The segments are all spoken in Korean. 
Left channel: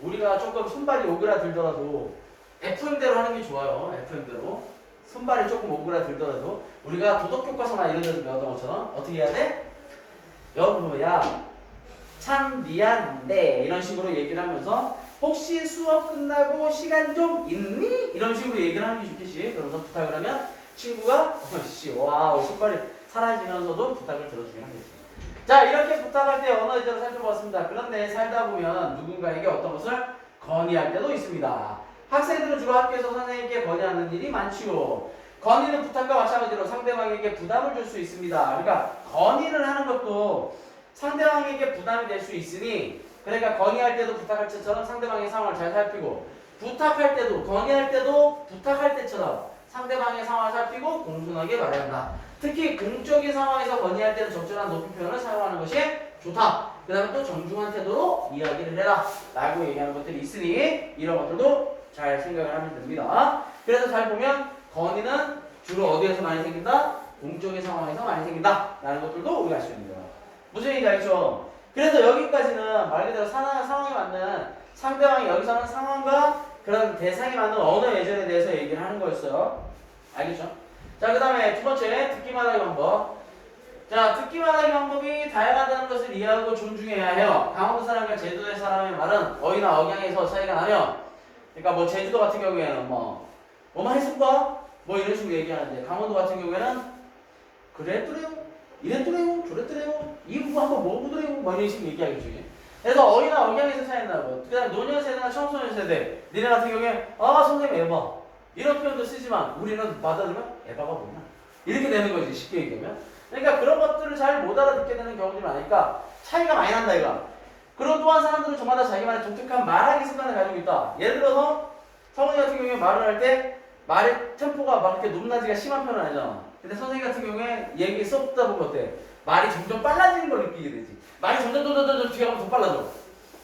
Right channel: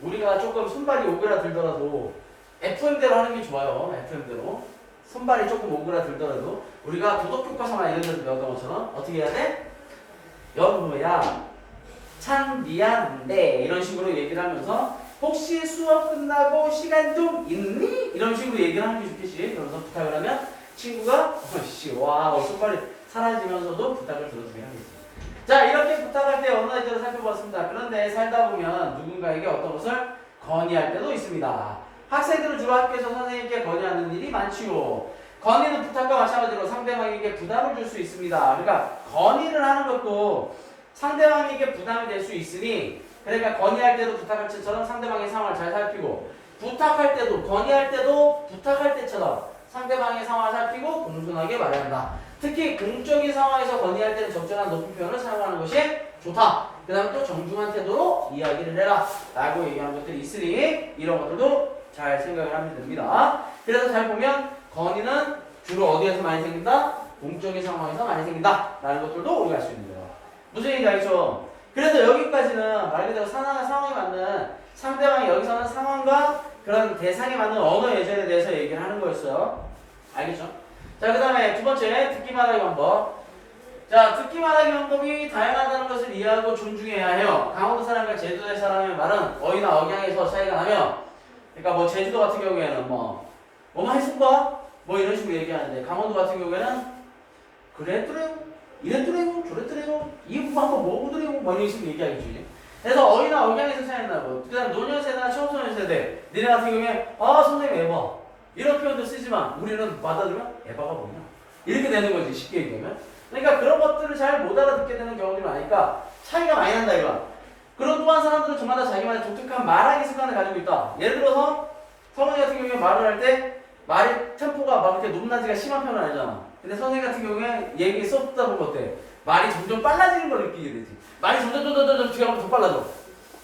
우리가 조금 손발이 오그라들더라도 FM대로 하는 게 좋아요. FM대로. 손발이 조금 오그라들더라도 우리가 도덕교과서나 이런 데서 배웠던 것처럼 어떻게 해야 돼? 여보야 참 미안한데 이런 식으로 얘기를 하면서 혹시 수업 끝나고 시간 좀 있니? 이런 식으로 얘기를 하는 게 좋겠지. 그러면서 부탁을 하면 친구가 어씨 와우 손발이 사라지면서도 부탁을 들어주게 하는 거지. 자 이렇게 부탁할 때 언어의 제도를 살펴보았습니다. 그런데 살다 보면 누군가에게 어떤 것을 건의할 때도 있습니다. 학생들은 주로 학교에서 선생님께 건의하는 일이 많지요. 건의는 부탁과 마찬가지로 상대방에게 부담을 줄 수 있습니다. 그러니까 건의를 하는 것도 상대방에게 부담이 될 수 있으니 그러니까 건의할 때도 부탁할 때처럼 상대방의 상황을 잘 살피고 부탁할 때도 건의할 때도 부탁할 때처럼 상대방의 상황을 살피고 공손하게 말해야 한다. 특히 공적인 상황에서 건의할 때는 적절한 높임 표현을 사용하는 것이 좋다. 그 다음에 또 정중한 태도로 이야기를 해라 라고 얘기하는 것들이 있으니 이런 것들도 잘 생각을 하면 됩니다. 그래서 잘 보면 건의는 주로 어디에서 많이 생긴다? 공적인 상황에서 많이 생긴다 라는 것들도 우리가 알 수 있는 거예요. 무슨 얘기인지 알죠? 그래서 여기까지는 말 그대로 상황에 맞는 상대방이 여기서는 상황과 그런 대상에 맞는 언어 예절에 대해서 얘기를 하는 거였어요. 알겠죠? 자, 그 다음에 두 번째, 듣기만 하기 방법. 자, 듣기만 하기 방법이 다양하다는 것을 이해하고 존중해야 해요. 강원도 사람과 제주도의 사람의 말은 어휘나 억양에서 차이가 나며, 그러니까 뭐 제주도 같은 경우에는 뭐만 했을까? 뭐 이런 식으로 얘기하는데, 강원도 같은 경우에는 그랬더래요, 이랬더래요, 저랬더래요, 이 부분 한번 먹어보더래요, 뭐 이런 식으로 얘기하겠지. 그래서 어휘나 억양에서 차이가 나고, 그 다음 노년세대나 청소년세대, 니네 같은 경우에, 아, 선생님 에바. 이런 표현도 쓰지만, 우리는 받아들면 에바가 뭐냐? 이렇게 되는 거지, 쉽게 얘기하면. 그러니까 그런 것들을 잘 못 알아듣게 되는 경우들이 많으니까 차이가 많이 난다, 이거. 그리고 또한 사람들은 저마다 자기만의 독특한 말하기 습관을 가지고 있다. 예를 들어서, 성훈이 같은 경우에 말을 할 때, 말의 템포가 막 이렇게 높낮이가 심한 편은 아니잖아. 근데 선생님 같은 경우에 얘기 수업 듣다 보면 어때? 말이 점점 빨라지는 걸 느끼게 되지. 말이 점점 뒤에 가면 더 빨라져.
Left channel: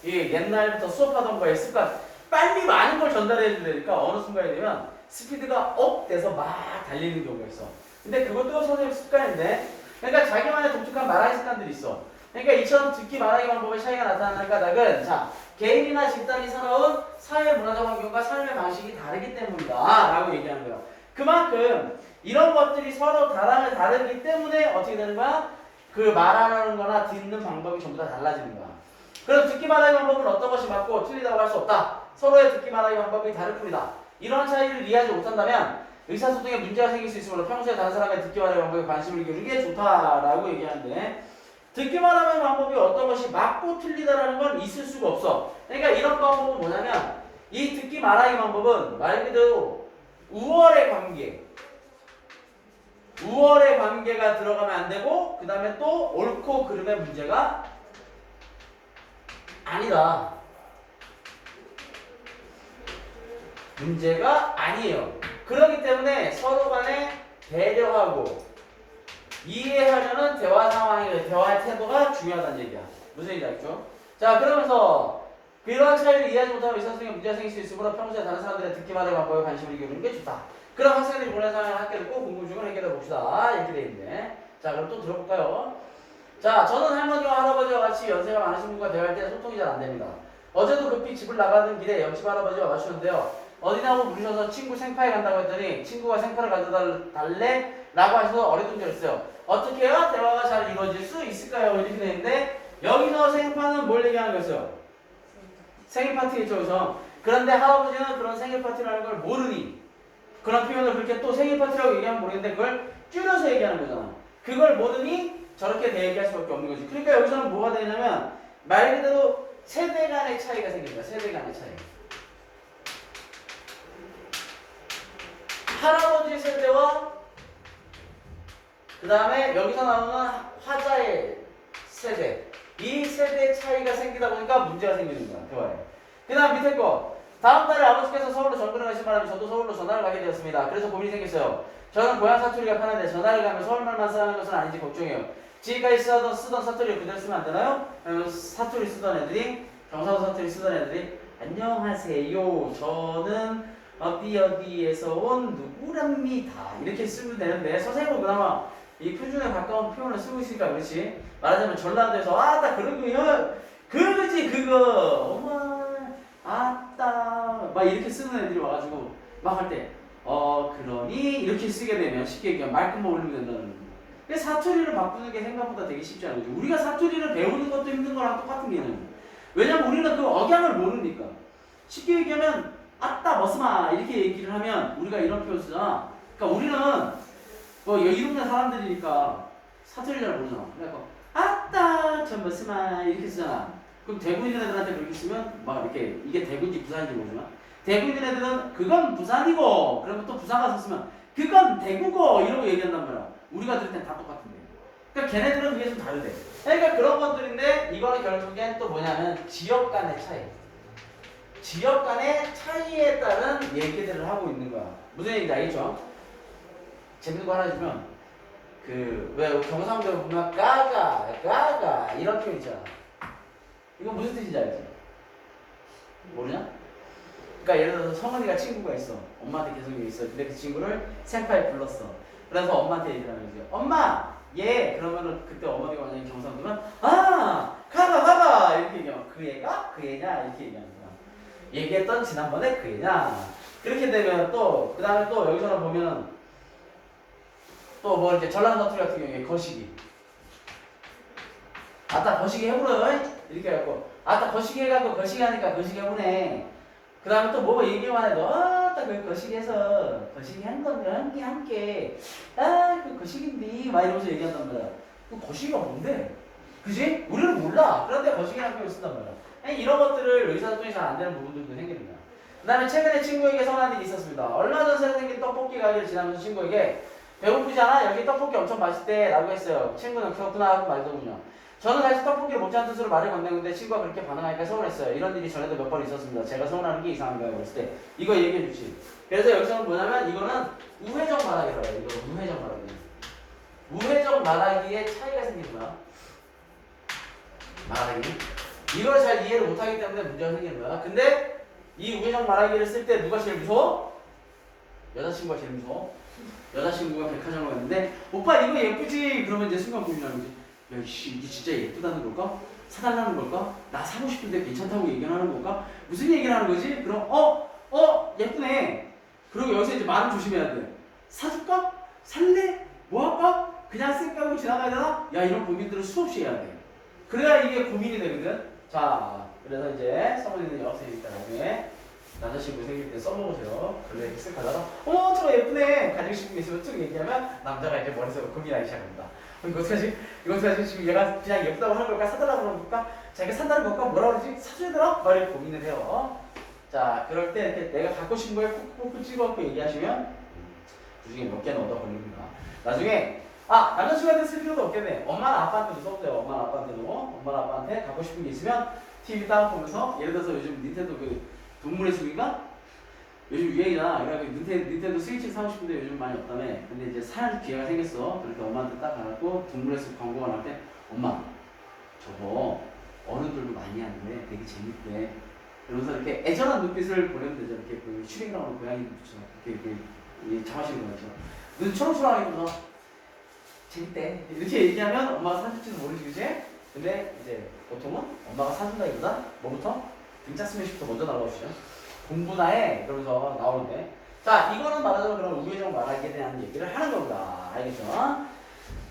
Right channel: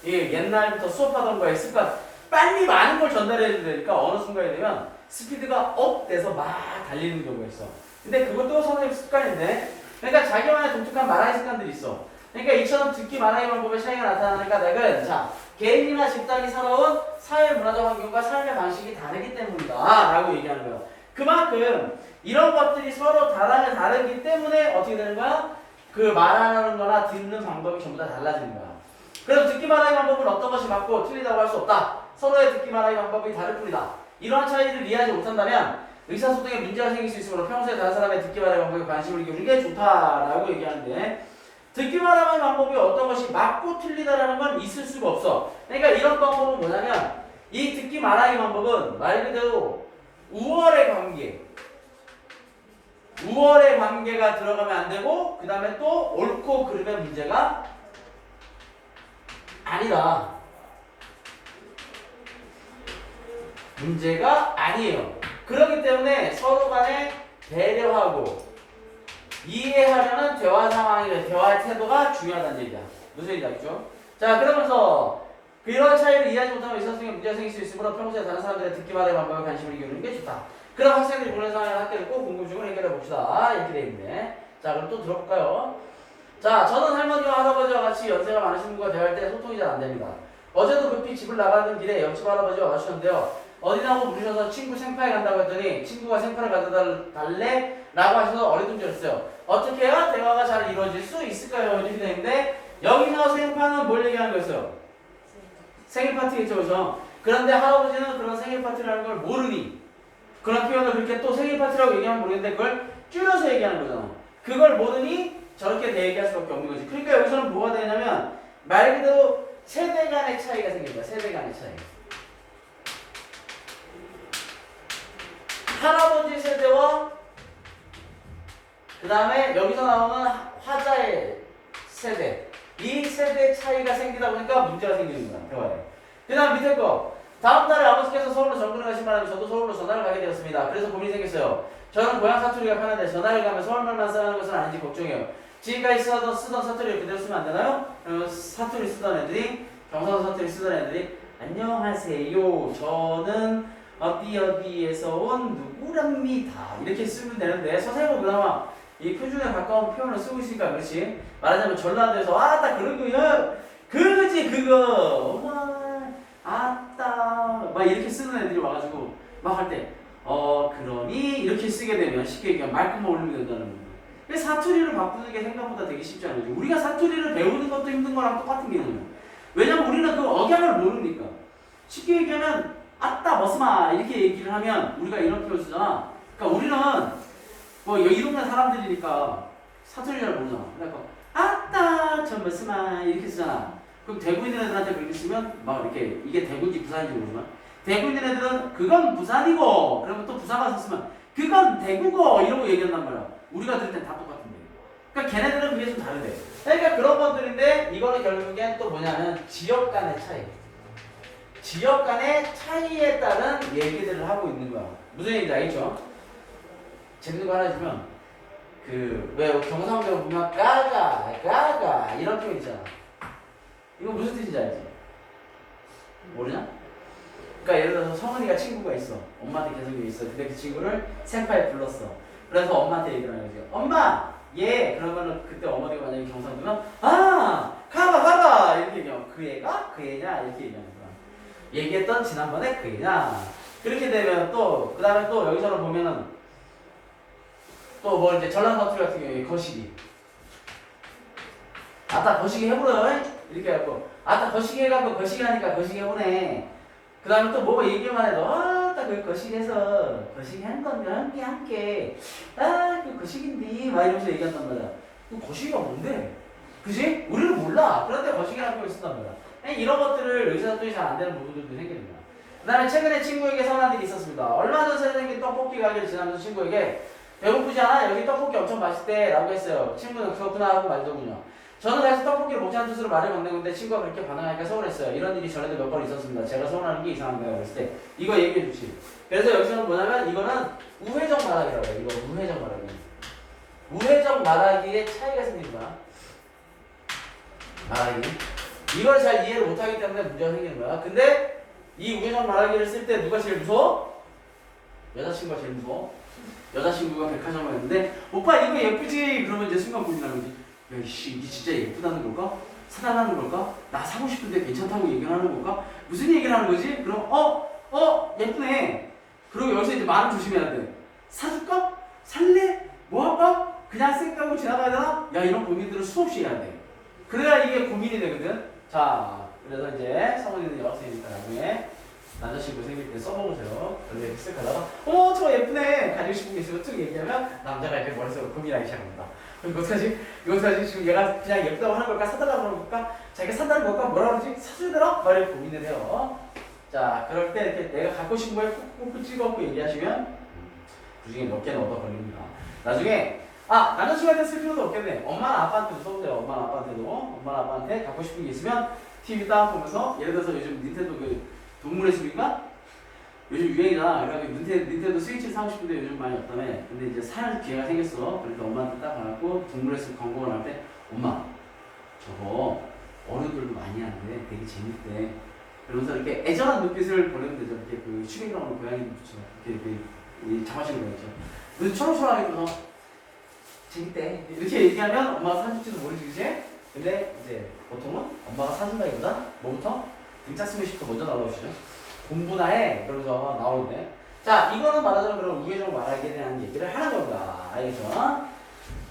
이게 옛날부터 수업하던 거에 습관. 빨리 많은 걸 전달해야 되니까 어느 순간이 되면 스피드가 업 돼서 막 달리는 경우가 있어. 근데 그것도 선생님 습관인데, 그러니까 자기만의 독특한 말하기 습관들이 있어. 그러니까 이처럼 듣기 말하기 방법의 차이가 나타나는 까닭은 자, 개인이나 집단이 살아온 사회 문화적 환경과 삶의 방식이 다르기 때문이다 라고 얘기하는 거예요. 그만큼 이런 것들이 서로 다르기 때문에 어떻게 되는 거야? 그 말하는 거나 듣는 방법이 전부 다 달라지는 거야. 그럼 듣기 말하기 방법은 어떤 것이 맞고 틀리다고 할 수 없다. 서로의 듣기 말하기 방법이 다를 뿐이다. 이러한 차이를 이해하지 못한다면 의사소통에 문제가 생길 수 있으므로 평소에 다른 사람의 듣기 말하기 방법에 관심을 기울이는 게 좋다라고 얘기하는데, 듣기 말하기 방법이 어떤 것이 맞고 틀리다라는 건 있을 수가 없어. 그러니까 이런 방법은 뭐냐면 이 듣기 말하기 방법은 말 그대로 우월의 관계가 들어가면 안 되고, 그 다음에 또 옳고 그름의 문제가 아니다. 문제가 아니에요. 그렇기 때문에 서로 간에 배려하고 이해하려는 대화 상황이에요. 대화의 태도가 중요하다는 얘기야. 무슨 얘기인지 알죠? 자, 그러면서 이런 차이를 이해하지 못하면 의사소통에 문제가 생길 수 있으므로 평소에 다른 사람들의 듣기 말하기 방법에 관심을 기울이는 게 좋다. 그럼 학생들이 보는 상황의 학교를 꼭 궁금증을 해결해 봅시다. 이렇게 돼 있네. 자, 그럼 또 들어볼까요? 자, 저는 할머니와 할아버지와 같이 연세가 많으신 분과 대화할 때 소통이 잘 안 됩니다. 어제도 급히 집을 나가는 길에 옆집 할아버지와 마주쳤는데요. 어디나고 물으셔서 친구 생파에 간다고 했더니 친구가 생파를 가져다 달래? 라고 하셔서 어리둥절했어요. 어떻게 해야 대화가 잘 이루어질 수 있을까요? 이렇게 돼 있는데, 여기서 생파는 뭘 얘기하는 거였어요? 생일 파티겠죠, 그죠? 그런데 할아버지는 그런 생일 파티라는 걸 모르니 그런 표현을 그렇게 또 생일 파티라고 얘기하면 모르겠는데 그걸 줄여서 얘기하는 거잖아. 그걸 모르니 저렇게 대얘기할 수밖에 없는 거지. 그러니까 여기서는 뭐가 되냐면 말 그대로 세대 간의 차이가 생깁니다. 세대 간의 차이. 할아버지 세대와 그 다음에 여기서 나오는 화자의 세대, 이 세대 차이가 생기다 보니까 문제가 생기는 거야, 대화에. 그 다음 밑에 거, 다음 달에 아버지께서 서울로 전근을 가신 바람에 저도 서울로 전화를 가게 되었습니다. 그래서 고민이 생겼어요. 저는 고향 사투리가 편한데 전화를 가면 서울말만 쓰는 것은 아닌지 걱정해요. 지금까지 쓰던 사투리를 그대로 쓰면 안 되나요? 사투리 쓰던 애들이, 경상도 사투리 쓰던 애들이 안녕하세요, 저는 어디에서 온 누구랍니다. 이렇게 쓰면 되는데 선생님은 그나마 이 표준에 가까운 표현을 쓰고 있으니까 그렇지. 말하자면 전라도에서 딱 그런 거야. 그거지 그거. 어머 막 이렇게 쓰는 애들이 와가지고 막 할 때 그러니 이렇게 쓰게 되면 쉽게 얘기하면 말끝만 올리면 된다는 거예요. 근데 사투리를 바꾸는 게 생각보다 되게 쉽지 않은 거죠. 우리가 사투리를 배우는 것도 힘든 거랑 똑같은 개념이에요. 왜냐면 우리는 그 억양을 모르니까. 쉽게 얘기하면 아따 머스마 이렇게 얘기를 하면 우리가 이런 표현 쓰잖아. 그러니까 우리는 뭐 이 동네 사람들이니까 사투리 잘 모르잖아. 그러니까 아따 저 머스마 이렇게 쓰잖아. 그럼 대구인 애들한테 그렇게 쓰면 막 이렇게 이게 대구인지 부산인지 모르지만 대구인 애들은 그건 부산이고 그러면 또 부산 가서 쓰면 그건 대구고 이러고 얘기한단 말이야. 우리가 들을 땐 다 똑같은데. 그러니까 걔네들은 그게 좀 다르대. 그러니까 그런 것들인데 이거는 결국엔 또 뭐냐면 지역 간의 차이. 지역 간의 차이에 따른 얘기들을 하고 있는 거야. 무슨 얘기인지 알겠죠? 재밌는 거 하나 해주면 왜 경상도 보면 까가 이런 표현 있잖아. 이거 무슨 뜻인지 알지? 모르냐? 그러니까 예를 들어서 성은이가 친구가 있어. 엄마한테 계속 얘기 있어. 근데 그 친구를 senpai 불렀어. 그래서 엄마한테 얘기를 하는 거지. 엄마, 얘 그러면은 그때 엄마가 만약에 경상도면 가가 이렇게 얘기하면 그 애가 그 애냐 이렇게 얘기하는 거야. 얘기했던 지난번에 그 애냐. 그렇게 되면 또 그다음에 또 여기서는 보면은 또 뭐 이렇게 전란 사투리 같은 경우에 거시기. 아따 거시기 해보려 이렇게 해갖고 아따 거시기 해갖고 거시기 하니까 거시기 해보네. 그 다음에 또 뭐가 얘기만 해도 아따 그 거시기해서 거시기 한 건데 함께 그 거시기인데 막 이러면서 얘기한단 말이야. 그 거시기가 뭔데? 그지? 우리는 몰라. 그런데 거시기라는 걸 쓴단 말이야. 이런 것들을 의사소통이 잘 안 되는 부분들도 생기는 거야. 그 다음에 최근에 친구에게 선한 일이 있었습니다. 얼마 전 선생님이 떡볶이 가게를 지나면서 친구에게 배고프지 않아? 여기 떡볶이 엄청 맛있대 라고 했어요. 친구는 그렇구나 하고 말더군요. 저는 다시 떡볶이를 먹자는 뜻으로 말을 건네는데 친구가 그렇게 반응하니까 서운했어요. 이런 일이 전에도 몇 번 있었습니다. 제가 서운하는 게 이상한가요? 그랬을 때 이거 얘기해 주지. 그래서 여기서는 뭐냐면 이거는 우회적 말하기라고 해요. 이거 우회적 말하기. 우회적 말하기에 차이가 생기는 거야. 말하기. 이걸 잘 이해를 못하기 때문에 문제가 생기는 거야. 근데 이 우회적 말하기를 쓸 때 누가 제일 무서워? 여자친구가 제일 무서워. 여자친구가 백화점을 갔는데 오빠 이거 예쁘지? 그러면 이제 순간 고민하는 거지. 야 이씨 이게 진짜 예쁘다는 걸까? 사달라는 걸까? 나 사고 싶은데 괜찮다고 얘기를 하는 걸까? 무슨 얘기를 하는 거지? 그럼 예쁘네. 그리고 여기서 이제 말을 조심해야 돼. 사줄까? 살래? 뭐 할까? 그냥 쌩까고 지나가야 되나? 야 이런 고민들을 수없이 해야 돼. 그래야 이게 고민이 되거든. 자 그래서 이제 성훈이는 여학생이니까 나중에 남자친구 생길 때 써먹으세요. 근데 이렇게 쓱 하다가 저 예쁘네 가지고 싶은 게 있으면 쭉 얘기하면 남자가 이제 머릿속으로 고민하기 시작합니다. 이거 어떡하지? 이거 어떡하지? 지금 얘가 그냥 예쁘다고 하는 걸까? 사달라고 하는 걸까? 자기가 산다는 걸까? 뭐라 그러지? 사줘야 되나? 말을 고민을 해요. 자 그럴 때 이렇게 내가 갖고 싶은 거에 콕콕 찍어갖고 얘기하시면 그 중에 몇 개는 얻어 걸립니다. 나중에 남자친구한테 쓸 필요도 없겠네. 엄마나 아빠한테도 써보세요. 엄마나 아빠한테 갖고 싶은 게 있으면 TV 딱 보면서 예를 들어서 요즘 닌텐도 동물의 숲인가? 요즘 유행이다. 그래가지고 닌텐도 스위치를 사고 싶은데 요즘 많이 없다며. 근데 이제 살 기회가 생겼어. 그래서 엄마한테 딱 가고 동물의 숲 광고가 나올 때 엄마 저거 어른들도 많이 하는데 되게 재밌대. 그러면서 이렇게 애절한 눈빛을 보내면 되죠. 이렇게 그 추경이랑 오는 고양이처럼 이렇게 장화시는 거 있죠. 눈 초롱초롱하게 보면서 재밌대. 이렇게 얘기하면 엄마가 사줄지도 모르지, 그치? 근데 이제 보통은 엄마가 사준다기보다 뭐부터? 등짝 스매시부터 먼저 날라오시죠. 공부나 해. 그러면서 나오는데. 자, 이거는 말하자면 그런 우회적 말하기에 대한 얘기를 하는 겁니다. 알겠죠?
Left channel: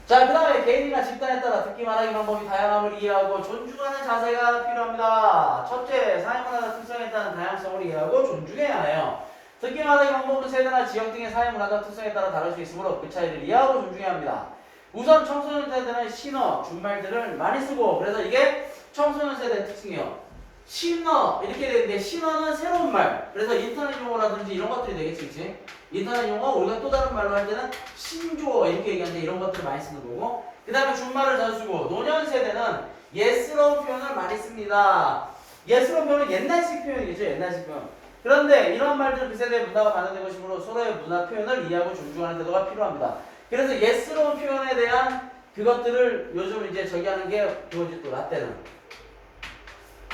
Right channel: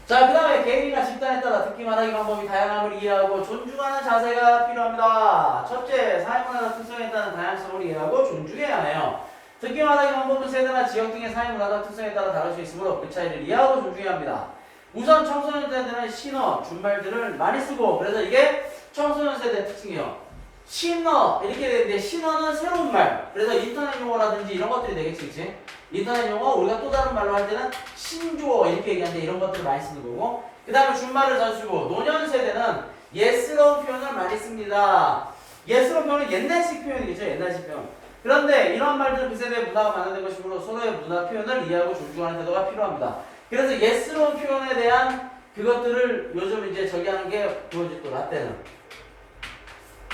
자, 그 다음에 개인이나 집단에 따라 듣기 말하기 방법이 다양함을 이해하고 존중하는 자세가 필요합니다. 첫째, 사회문화적 특성에 따른 다양성을 이해하고 존중해야 해요. 듣기 말하기 방법은 세대나 지역 등의 사회문화적 특성에 따라 다를 수 있으므로 그 차이를 이해하고 존중해야 합니다. 우선 청소년 세대는 신어, 준말들을 많이 쓰고 그래서 이게 청소년 세대의 특징이에요. 신어 이렇게 되는데 신어는 새로운 말. 그래서 인터넷 용어라든지 이런 것들이 되겠지, 그치? 인터넷 용어 우리가 또 다른 말로 할 때는 신조어 이렇게 얘기하는데 이런 것들을 많이 쓰는 거고. 그 다음에 준말을 자주 쓰고 노년 세대는 예스러운 표현을 많이 씁니다. 예스러운 표현은 옛날식 표현이겠죠, 옛날식 표현. 그런데 이런 말들은 그 세대의 문화가 반영된 것이므로 서로의 문화 표현을 이해하고 존중하는 태도가 필요합니다. 그래서 예스러운 표현에 대한 그것들을 요즘 이제 저기 하는 게 그거지 또 라떼는.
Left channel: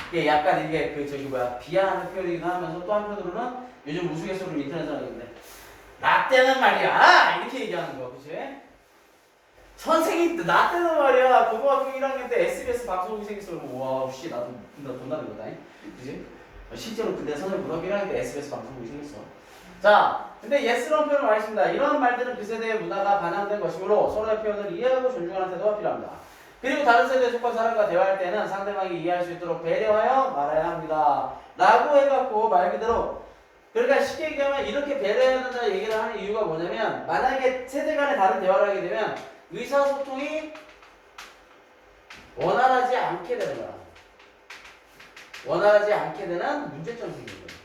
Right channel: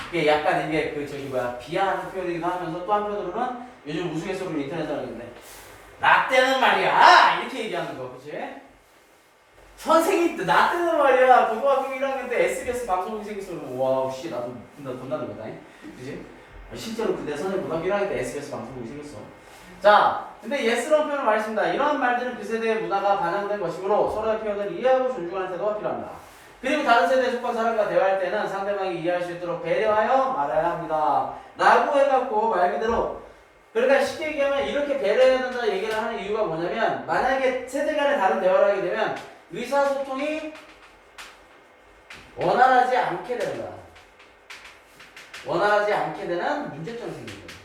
이게 약간 이게 비하하는 표현이긴 하면서 또 한편으로는 요즘 우스갯소리로 인터넷에 하는데 라떼는 말이야! 이렇게 얘기하는 거, 그치? 선생님, 라떼는 말이야! 고등학교 1학년 때 SBS 방송국이 생겼어. 와우, 씨, 나도 본다는 거다. 그치? 실제로 그때 선생님 고등학교 1학년 때 SBS 방송국이 생겼어. 자, 근데 예스라는 표현을 말했습니다. 이러한 말들은 그 세대의 문화가 반영된 것이므로 서로의 표현을 이해하고 존중하는 태도가 필요합니다. 그리고 다른 세대에 속한 사람과 대화할 때는 상대방이 이해할 수 있도록 배려하여 말해야 합니다. 라고 해갖고 말 그대로 그러니까 쉽게 얘기하면 이렇게 배려해야 된다는 얘기를 하는 이유가 뭐냐면 만약에 세대 간에 다른 대화를 하게 되면 의사소통이 원활하지 않게 되는 거야. 원활하지 않게 되는 문제점이 생기는 거야.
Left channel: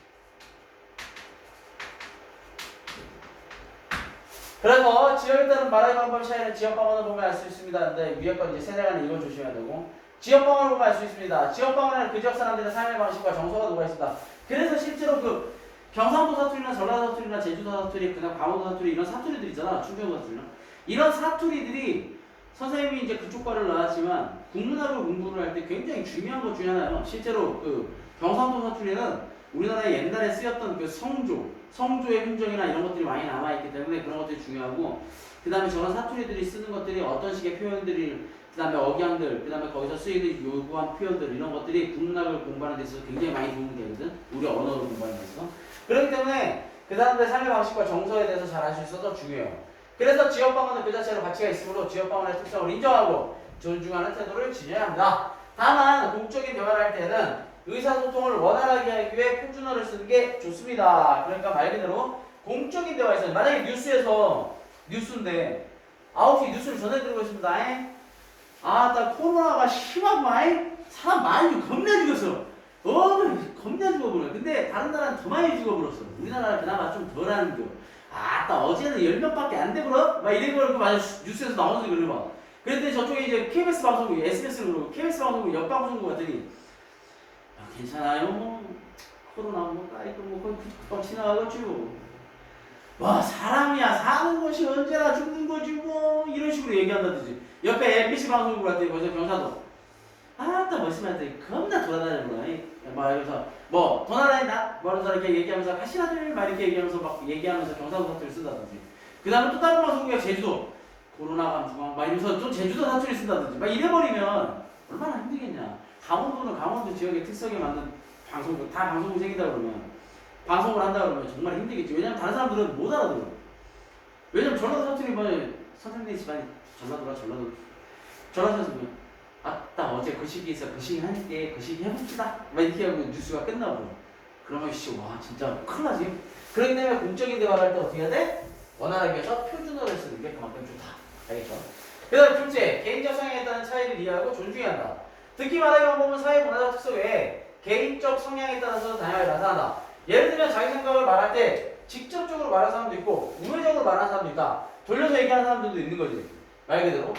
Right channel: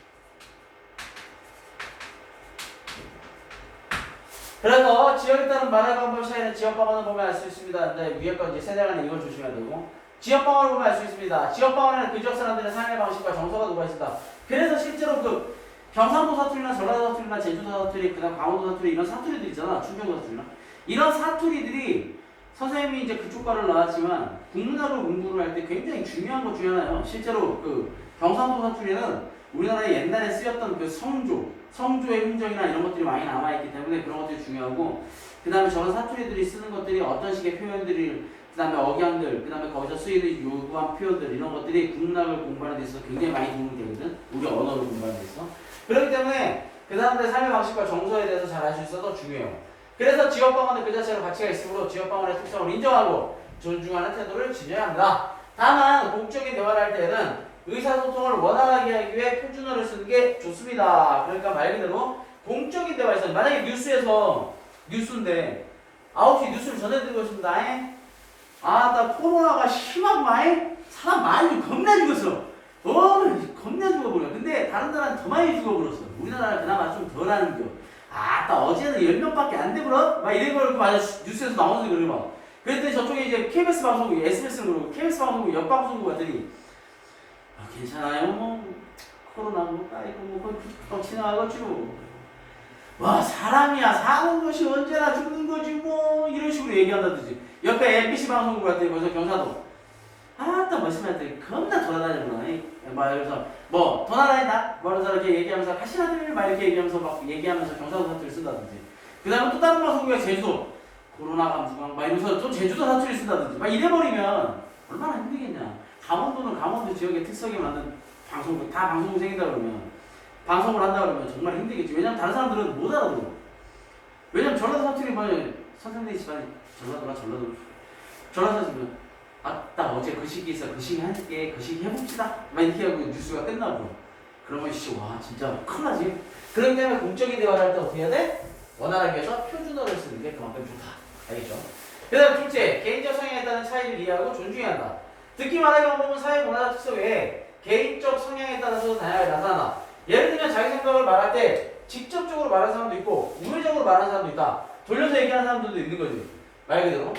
그래서 지역에 따른 말의 방법 차이는 지역방언을 보면 알 수 있습니다. 근데 위에 건 이제 세대 간에 이건 조심해야 되고 지역방언을 보면 알 수 있습니다. 지역방언에는 그 지역 사람들의 삶의 방식과 정서가 녹아 있습니다. 그래서 실제로 그 경상도 사투리나 전라도 사투리나 제주도 사투리, 그다음 강원도 사투리 이런 사투리들 있잖아. 충청도 사투리나 이런 사투리들이 선생님이 이제 그쪽 과를 나왔지만 국문학을 공부를 할 때 굉장히 중요한 것 중에 하나예요. 실제로 그 경상도 사투리는 우리나라에 옛날에 쓰였던 그 성조의 흔적이나 이런 것들이 많이 남아있기 때문에 그런 것들이 중요하고 그 다음에 저런 사투리들이 쓰는 것들이 어떤 식의 표현들이 그 다음에 억양들, 그 다음에 거기서 쓰이는 요구한 표현들 이런 것들이 국문학을 공부하는 데 있어서 굉장히 많이 도움이 되거든. 우리 언어를 공부하는 데 있어서. 그렇기 때문에 그 사람들의 삶의 방식과 정서에 대해서 잘 알 수 있어서 중요해요. 그래서 지역방언은 그 자체로 가치가 있으므로 지역방언의 특성을 인정하고 존중하는 태도를 지녀야 합니다. 다만 공적인 대화를 할 때는 의사소통을 원활하게 하기 위해 표준어를 쓰는 게 좋습니다. 그러니까 말 그대로 공적인 대화에서 만약에 뉴스인데 9시 뉴스를 전해드리고 있습니다. 나 코로나가 심하구만. 사람 많이 겁나 죽었어. 겁나 죽어버려. 근데 다른 나라는 더 많이 죽어버렸어. 우리나라는 그나마 좀 덜하는겨. 어제는 10명밖에 안 되버려? 막 이런 걸 만약 뉴스에서 나오는 그래 막. 그랬더니 저쪽에 이제 KBS 방송국, SBS는 그러고 KBS 방송국, 옆방송국 같더니 괜찮아요 뭐 코로나 뭐 까이고 뭐 금방 지나가가지고 와 사람이야 사는 것이 언제나 죽는 거지 뭐 이런 식으로 얘기한다든지 옆에 MBC 방송국 같더니 거기서 경사도 또 멋있는데 겁나 돌아다니구나 막 그래서 뭐 돌아다닌다 뭐 그래서 이렇게 얘기하면서 가시나들 막 이렇게 얘기하면서 막 얘기하면서 경사도 사투리 쓴다든지 그 다음에 또 다른 방송국에 제주도 코로나 감수광 막 이러면서 또 제주도 사투리 쓴다든지 막 이래버리면 얼마나 힘들겠냐. 강원도는 강원도 지역의 특성에 맞는 방송국 다 방송국 생긴다 그러면 방송을 한다 그러면 정말 힘들겠지. 왜냐면 다른 사람들은 못 알아들어. 왜냐면 전라도 사투리 뭐 선생님들이 집안이 전라도 사투리면 어제 그 시기 있어 그 시기 할게 그 시기 해봅시다 막 이렇게 하고 뉴스가 끝나고 그러면 와 진짜 큰일 나지. 그렇기 때문에 공적인 대화를 할 때 어떻게 해야 돼? 원활하게 해서 표준어를 쓰는 게 그만큼 좋다. 알겠죠? 그 다음에 둘째, 개인적 성향에 따른 차이를 이해하고 존중해야 한다. 듣기 말하기 방법은 사회 문화적 특성 외에 개인적 성향에 따라서 다양하게 나타난다. 예를 들면 자기 생각을 말할 때 직접적으로 말하는 사람도 있고 우회적으로 말하는 사람도 있다. 돌려서 얘기하는 사람들도 있는 거지. 말 그대로.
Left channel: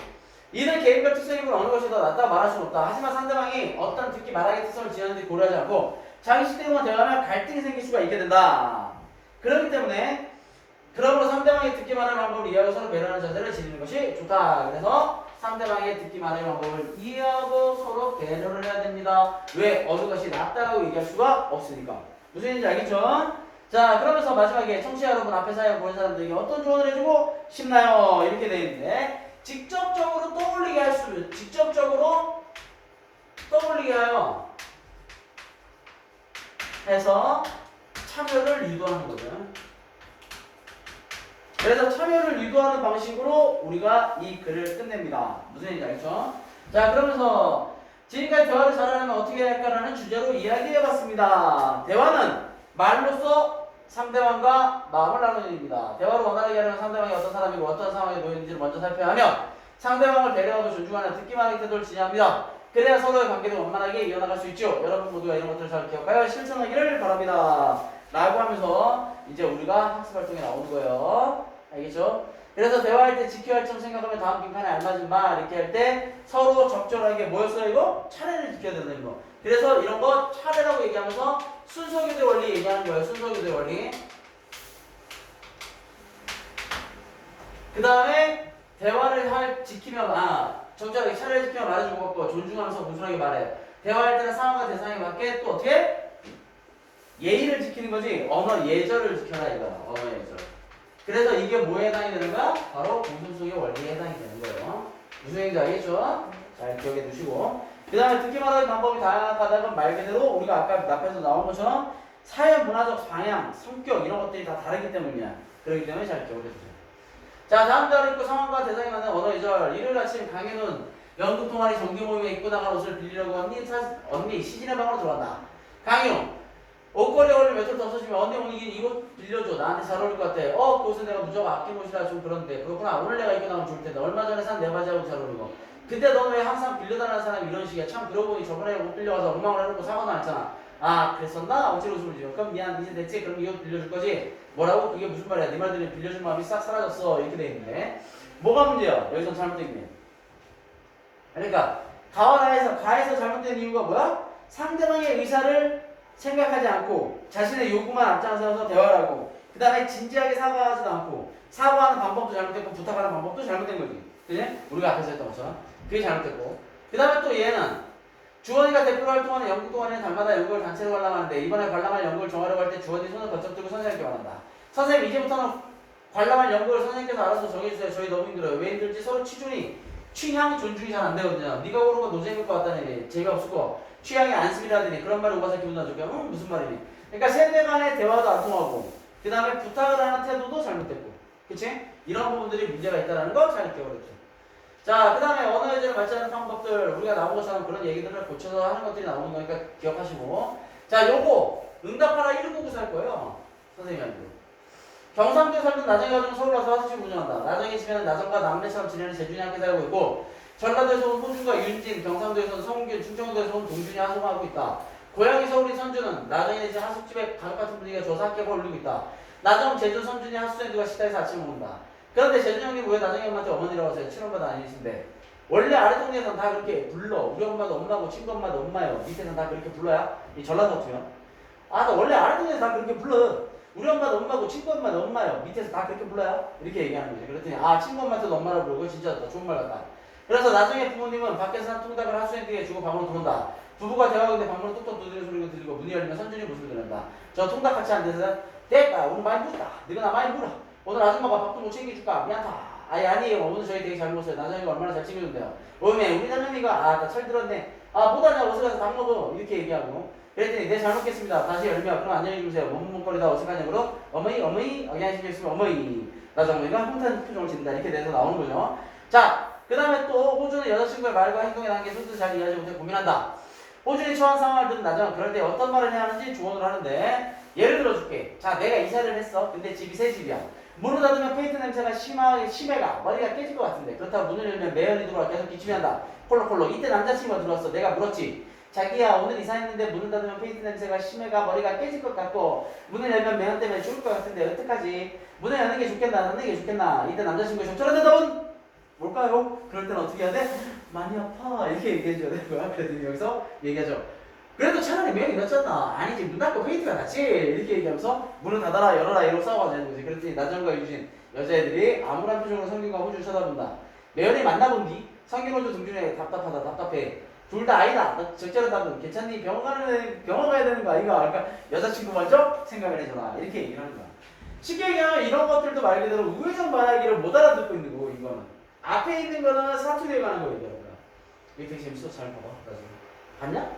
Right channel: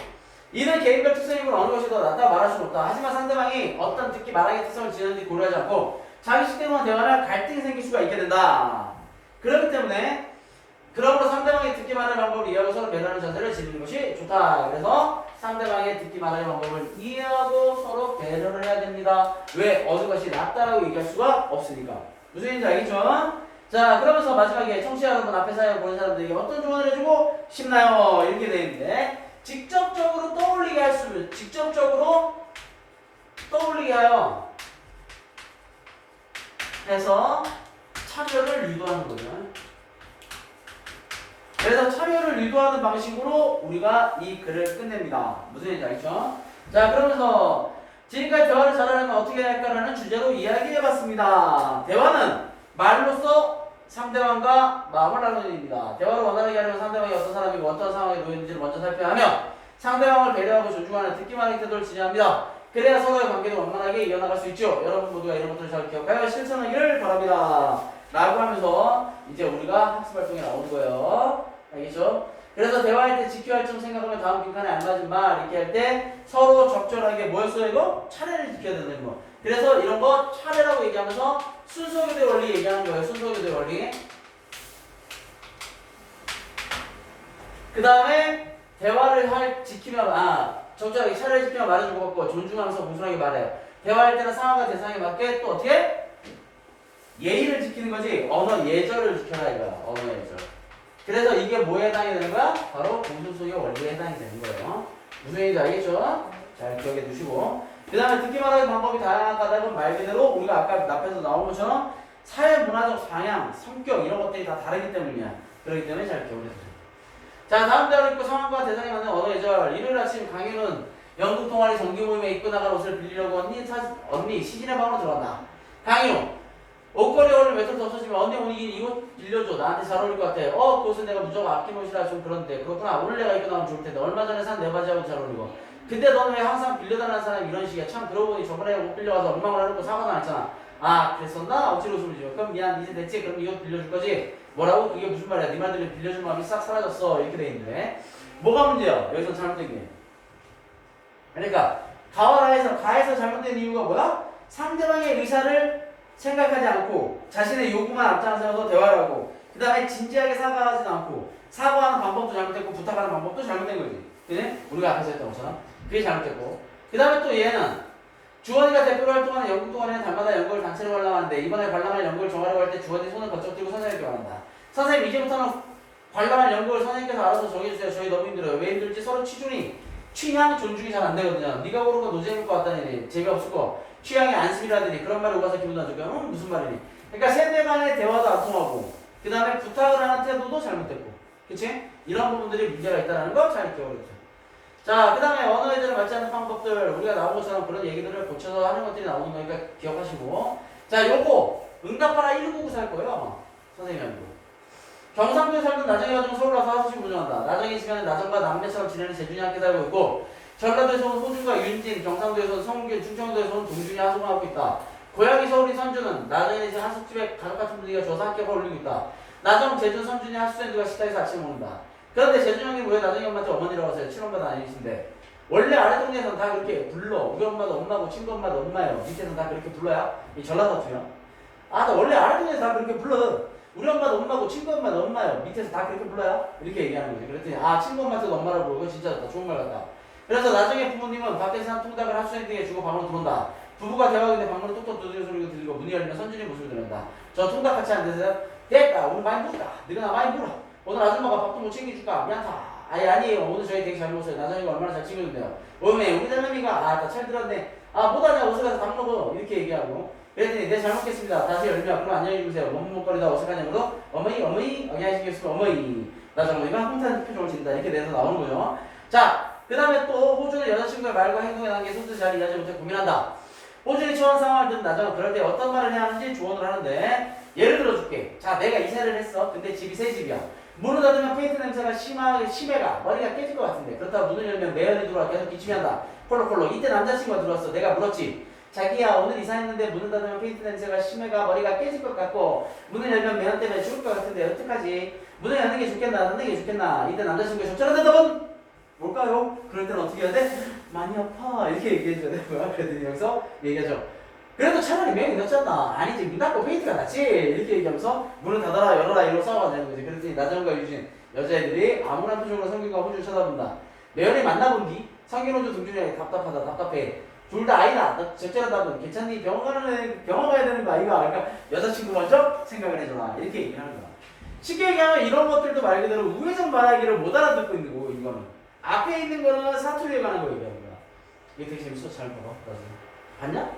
이는 개인별 특성이고 어느 것이 더 낫다 말할 수는 없다. 하지만 상대방이 어떤 듣기 말하기 특성을 지녔는지 고려하지 않고 자기 식대로만 대화하면 갈등이 생길 수가 있게 된다. 그렇기 때문에 그러므로 상대방이 듣기 말하는 방법을 이해하고 서로 배려하는 자세를 지니는 것이 좋다. 그래서 상대방의 듣기 말하는 방법을 이해하고 서로 배려를 해야 됩니다. 왜? 어느 것이 낫다라고 얘기할 수가 없으니까. 무슨 얘기인지 알겠죠? 자, 그러면서 마지막에 청취자 여러분 앞에 사연 보는 사람들에게 어떤 조언을 해주고 싶나요? 이렇게 돼 있는데 직접적으로 떠올리게 할 수, 직접적으로 떠올리게 하여 해서 참여를 유도하는 거죠. 그래서 참여를 유도하는 방식으로 우리가 이 글을 끝냅니다. 무슨 얘기인지 알겠죠? 자, 그러면서 지금까지 대화를 잘하려면 어떻게 해야 할까라는 주제로 이야기해봤습니다. 대화는 말로써 상대방과 마음을 나누는 일입니다. 대화를 원활하게 하려면 상대방이 어떤 사람이고 어떤 상황에 놓였는지를 먼저 살펴야 하며 상대방을 배려하고 존중하는 듣기만 하는 태도를 지녀야 합니다. 그래야 서로의 관계를 원만하게 이어나갈 수 있죠. 여러분 모두가 이런 것들을 잘 기억하여 실천하기를 바랍니다. 라고 하면서 이제 우리가 학습활동에 나오는 거예요. 알겠죠? 그래서 대화할 때 지켜야 할 점 생각하면 다음 빈칸에 알맞은 말 이렇게 할 때 서로 적절하게 뭐였어요 이거? 차례를 지켜야 된다는 거. 그래서 이런 거 차례라고 얘기하면서 순서교대 원리 얘기하는 거예요. 순서교대 원리. 그 다음에 대화를 지키면 적절하게 차례를 지키면 말해주고 갖고 존중하면서 공손하게 말해요. 대화할 때는 상황과 대상에 맞게 또 어떻게? 예의를 지키는 거지. 언어 예절을 지켜라 이거야. 언어 예절. 그래서 이게 뭐에 해당이 되는 거야? 바로 공손속의 원리에 해당이 되는 거예요. 무슨 얘기인지 알겠죠? 잘 기억해 두시고. 그 그 다음에 듣기 말하기 방법이 다양하다는 말 그대로 우리가 아까 앞에서 나온 것처럼 사회 문화적 방향, 성격 이런 것들이 다 다르기 때문이야. 그렇기 때문에 잘 기억해주세요. 자, 다음 달을 입고 상황과 대상이 맞는 언어 예절. 일요일 아침 강의는 연극 동아리 정기 모임에 입고 나갈 옷을 빌리려고 언니 시진의 방으로 들어간다. 강의로 옷걸이 어울리면 몇 톨 더 써주면 언니 오늘 이 옷 빌려줘. 나한테 잘 어울릴 것 같아. 그 옷은 내가 무조건 아낀 옷이라 좀 그런데 그렇구나. 오늘 내가 입고 나가면 좋을 텐데 얼마 전에 산 내 바지하고 잘 어울리고. 근데 너는 왜 항상 빌려달라는 사람이 이런 식이야. 참 그러고 보니 저번에 옷 빌려와서 엉망을 해놓고 사고도 안 했잖아. 아 그랬었나? 어찌로 웃음을 지어. 그럼 미안 이제 됐지? 그럼 이거 빌려줄 거지? 뭐라고? 그게 무슨 말이야? 네 말들이 빌려준 마음이 싹 사라졌어. 이렇게 돼 있는데 뭐가 문제야? 여기서 잘못된 게. 그러니까 가에서 잘못된 이유가 뭐야? 상대방의 의사를 생각하지 않고 자신의 요구만 앞장서서 대화를 하고 그 다음에 진지하게 사과하지도 않고 사과하는 방법도 잘못됐고 부탁하는 방법도 잘못된 거지. 그지? 우리가 앞에서 했던 것처럼 그게 잘못됐고 그 다음에 또 얘는 주원이가 대표로 활동하는 연극 동아리는 달마다 연극을 단체로 관람하는데 이번에 관람할 연극을 정하려고 할 때 주원이 손을 번쩍 들고 선생님께 말한다. 선생님 이제부터는 관람할 연극을 선생님께서 알아서 정해주세요. 저희 너무 힘들어요. 왜 힘들지? 서로 취향 존중이 잘 안 되거든요. 네가 고른 거 노잼일 것 같다니 재미없을 거 취향이 안심이라더니 그런 말이 오가서 기분 안 좋게 하면 무슨 말이니? 그러니까 세대 간의 대화도 안 통하고 그 다음에 부탁을 하는 태도도 잘못됐고 그치? 이런 부분들이 문제가 있다는 거 잘 기억해주세요. 자, 그 다음에 언어 예절에 맞지 않는 방법들 우리가 나온 것처럼 그런 얘기들을 고쳐서 하는 것들이 나오는 거니까 기억하시고 자, 요거 응답하라 1999 할 거예요. 선생님이 아니고 경상도에 살던 나정이 가지고 서울 와서 하수식 운영한다. 나정이 집에는 나정과 남매처럼 지내는 재준이 함께 살고 있고 전라도에서 온 호준과 윤진, 경상도에서 온 성균, 충청도에서 온 동준이 하수공하고 있다. 고향이 서울인 선주는 나정이네 집 한숙집에 가족 같은 분위기가 좋아서 학교가 올리고 있다. 나정, 재준, 선준이 하수생들과 식당에서 아침 먹는다. 그런데 재준 형이 왜 나정이 엄마한테 어머니라고 하세요? 친엄마도 아니신데 원래 아래 동네에서는 다 그렇게 불러. 우리 엄마도 엄마고 친구 엄마도 엄마예요. 밑에서는 다 그렇게 불러야 이 전라도투요. 나 원래 아래 동네에서 다 그렇게 불러. 우리 엄마도 엄마고 친구 엄마도 엄마예요. 밑에서 다 그렇게 불러요? 이렇게 얘기하는 거죠. 그랬더니 친구 엄마한테도 엄마라고 부르고 진짜 좋은 말 같다. 그래서 나중에 부모님은 밖에서 한 통닭을 학생에게 주고 방으로 들어온다. 부부가 대화하는데 방문을 똑똑 두드리는 소리가 들리고 문이 열리면 선준이 모습을 드린다. 저 통닭 같이 안 드세요? 됐다. 오늘 많이 물었다. 너가 나 많이 물어. 오늘 아줌마가 밥도 못 챙겨줄까? 미안다. 아니에요. 오늘 저희 되게 잘 먹었어요. 나중에 얼마나 잘 챙겨준대요. 우리 할머니가 나 철 들었네. 못하냐 옷을 가서 밥 먹어. 이렇게 얘기하고 그랬더니 네 잘 먹겠습니다. 다시 열면 그럼 안녕히 주무세요. 먹먹거리다 어색하냐고로 어머니 안녕하시겠습니다. 어머니 나장모니가 흥탄 표정을 짓는다. 이렇게 돼서 나오는 거죠. 자, 그 다음에 또 호준은 여자친구의 말과 행동에 대한 게 스스로 잘 이해하지 못해 고민한다. 호준이 처한 상황을 듣는 나정은 그럴 때 어떤 말을 해야 하는지 조언을 하는데 예를 들어줄게. 자, 내가 이사를 했어. 근데 집이 새 집이야. 문을 닫으면 페인트 냄새가 심해가 머리가 깨질 것 같은데 그렇다고 문을 열면 매연이 들어와 계속 기침이 한다. 콜록콜록. 이때 남자친구가 들어왔어. 내가 물었지. 자기야 오늘 이사했는데 문을 닫으면 페인트 냄새가 심해가 머리가 깨질 것 같고 문을 열면 매연 때문에 죽을 것 같은데 어떡하지? 문을 여는 게 좋겠나 안 여는 게 좋겠나? 이때 남자친구의 적절한 대답은 뭘까요? 그럴 때는 어떻게 해야 돼? 많이 아파 이렇게 얘기해줘야 되는 거야. 그랬더니 여기서 얘기하죠. 그래도 차라리 매연이 낫잖아. 아니지 문 닫고 페인트가 낫지. 이렇게 얘기하면서 문을 닫아라 열어라 이러고 싸워가자는 거지. 그랬더니 나정과 유진 여자애들이 암울한 표정으로 성균과 호주를 쳐다본다. 매연이 만나본 뒤 성균 호주 등준에 답답하다 답답해. 둘 다 아니다. 적절한 답은 괜찮니? 병원 가야 되는 거 아이가? 그러니까 여자친구 먼저 생각을 해줘라. 이렇게 얘기를 하는 거야. 쉽게 얘기하면 이런 것들도 말 그대로 우회전 말하기를 못 알아듣고 있는 거고 이거는 앞에 있는 거는 사투리에 관한 거 얘기하는 거야. 이게 되게 재밌어. 잘 봐봐. 나중에 봤냐?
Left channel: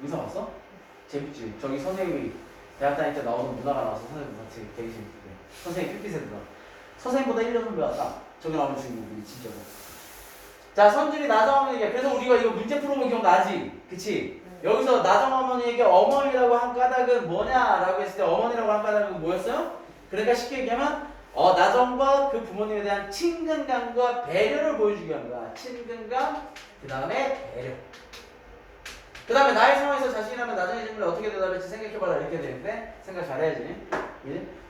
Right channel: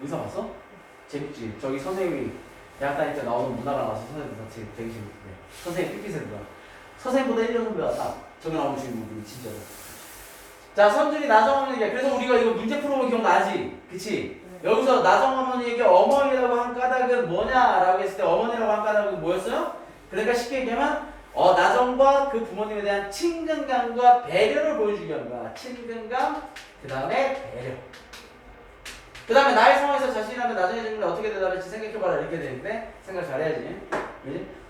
의사 봤어? 재밌지? 저기 선생님이 대학 다닐 때 나오는 문화가 나와서 선생님 되게 재밌대. 선생님 삐삐새들아. 선생님보다 1년 선배 왔다. 저기 나오는 주인공이 진짜로. 자, 선준이 나정 어머니에게 그래서 우리가 이거 문제 풀어보면 기억나지? 그치? 여기서 나정 어머니에게 어머니라고 한 까닭은 뭐냐라고 했을 때 어머니라고 한 까닭은 뭐였어요? 그러니까 쉽게 얘기하면 나정과 그 부모님에 대한 친근감과 배려를 보여주기 위한 거야. 친근감, 그 다음에 배려. 그 다음에 나의 상황에서 자신이라면 나중에 질문에 어떻게 대답할지 생각해봐라 이렇게 되는데 생각 잘해야지.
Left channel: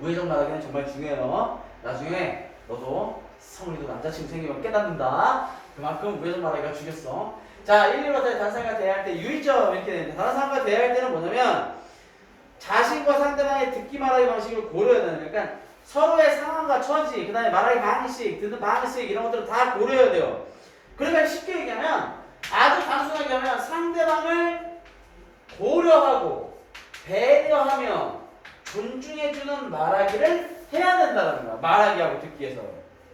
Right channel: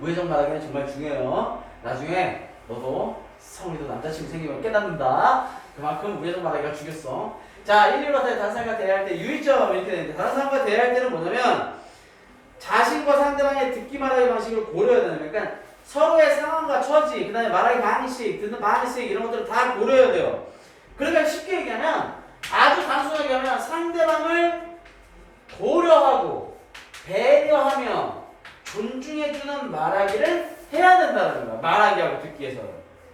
우회전 말하기는 정말 중요해요. 나중에 너도 성우리도 남자친구 생기면 깨닫는다. 그만큼 우회전 말하기가 죽였어. 자, 1, 2로 다른 사람과 대화할 때 유의점 이렇게 되는데 다른 사람과 대화할 때는 뭐냐면 자신과 상대방의 듣기 말하기 방식을 고려해야 되는 거예요. 그러니까 서로의 상황과 처지, 그 다음에 말하기 방식, 듣는 방식 이런 것들을 다 고려해야 돼요. 그러니까 쉽게 얘기하면 아주 단순하게 하면 상대방을 고려하고 배려하며 존중해주는 말하기를 해야 된다는 거야. 말하기하고 듣기에서.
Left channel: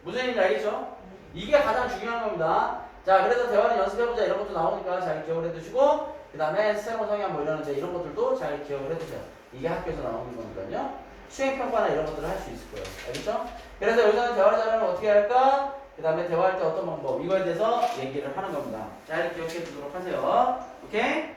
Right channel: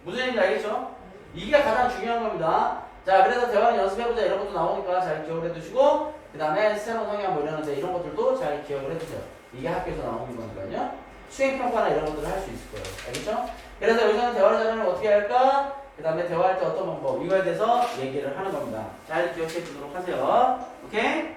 무슨 얘기인지 알겠죠? 이게 가장 중요한 겁니다. 자, 그래서 대화는 연습해보자 이런 것도 나오니까 잘 기억을 해두시고 그 다음에 새로운 성향 뭐 이러는데 이런 것들도 잘 기억을 해두세요. 이게 학교에서 나오는 거니까요. 수행평가나 이런 것들을 할 수 있을 거예요. 알겠죠? 그래서 여기서는 대화를 잘하면 어떻게 할까? 그 다음에 대화할 때 어떤 방법 이거에 대해서 얘기를 하는 겁니다. 잘 기억해 두도록 하세요. 오케이?